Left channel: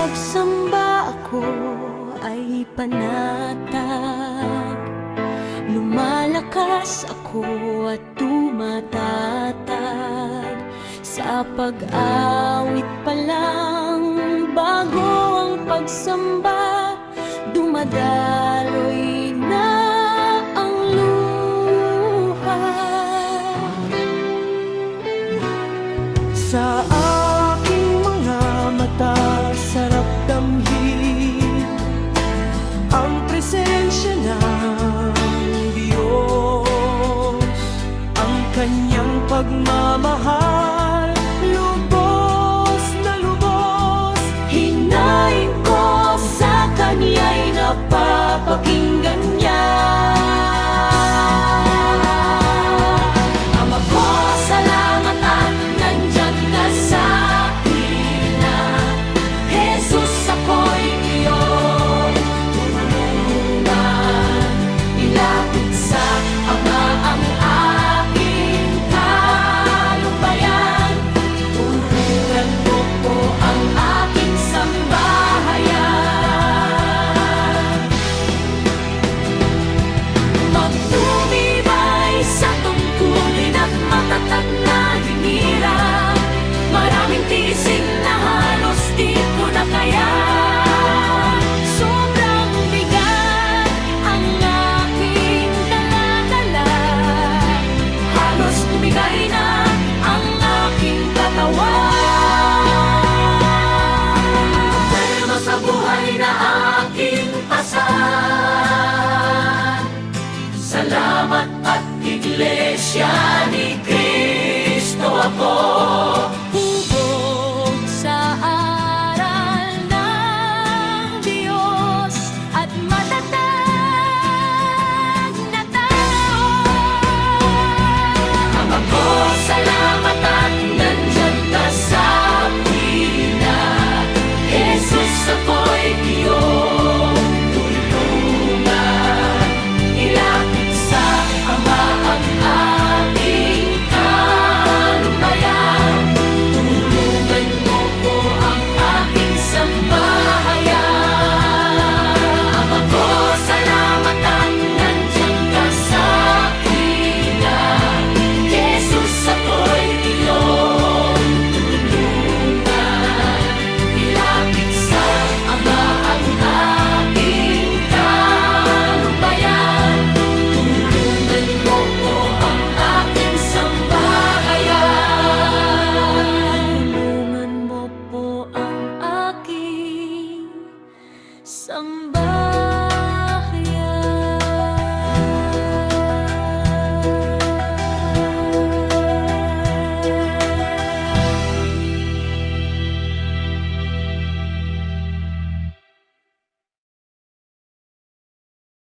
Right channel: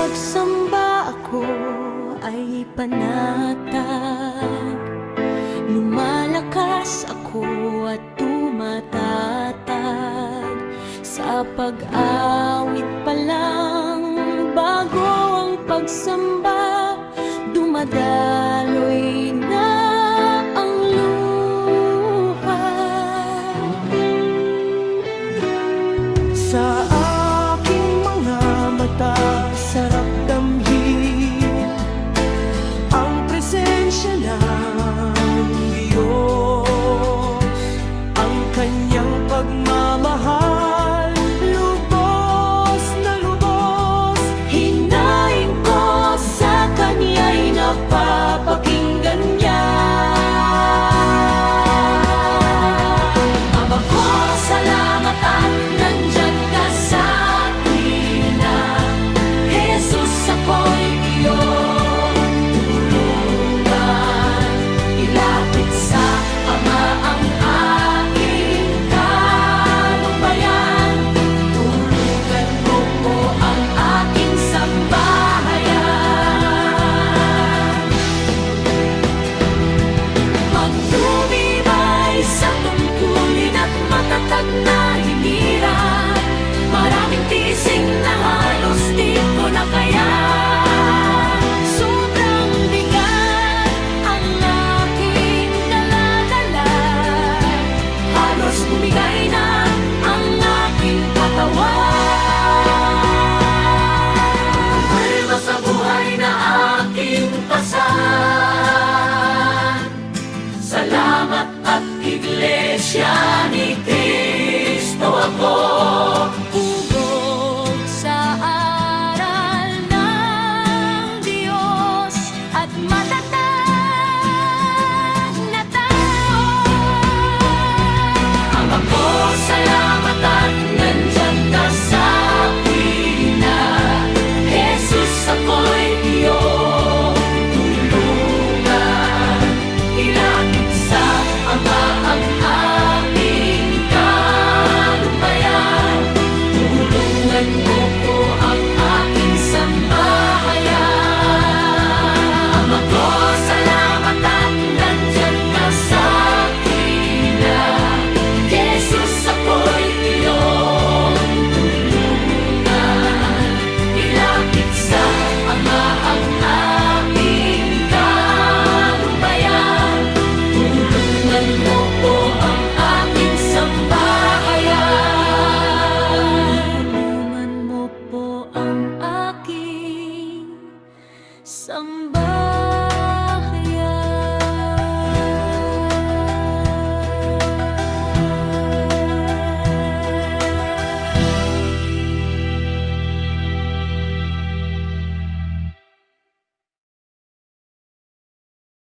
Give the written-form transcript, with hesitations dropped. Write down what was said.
pagsamba ako ay panatag. Lumalakas ako at tumatatag. Sa pag-awit pa lang, bago ang pagsamba, dumadaloy na ang luha. Sa aking mga mata, sarap damhin ang presensya ng Diyos. Ang kanyang pagmamahal, lubos na lubos. Hinaing ko sa kanya'y napapakinggan niya. Ama ko, salamat at nandyan ka sa tuwina. Jesus, ako'y iyong tulungan. Ilapit sa Ama ang aking kalumbayan. Tulungan mo po ang aking sambahayan. Magtumibay sa tungkulin at matatag na hinirang. Maraming tisin na halos di ko na kaya. Sobrang bigat ang aking dala-dala. Halos bumigay na ang aking katawan. Kalma sa buhay na aking pasan. Salamat at Iglesia ni Cristo ako. Hubog sa aral ng Diyos at matatag na tao. Ama ko, salamat at nandyan ka sa tuwina. Jesus, ako'y iyong tulungan. Ilapit sa Ama ang aking kalumbayan. Tulungan mo po ang aking sambahayan. Ama ko, salamat at nandyan ka sa tuwina. Jesus, ako'y iyong tulungan. Ilapit sa Ama ang aking kalumbayan. Tulungan mo po ang aking sambahayan. Tulungan mo po ang aking sambahayan.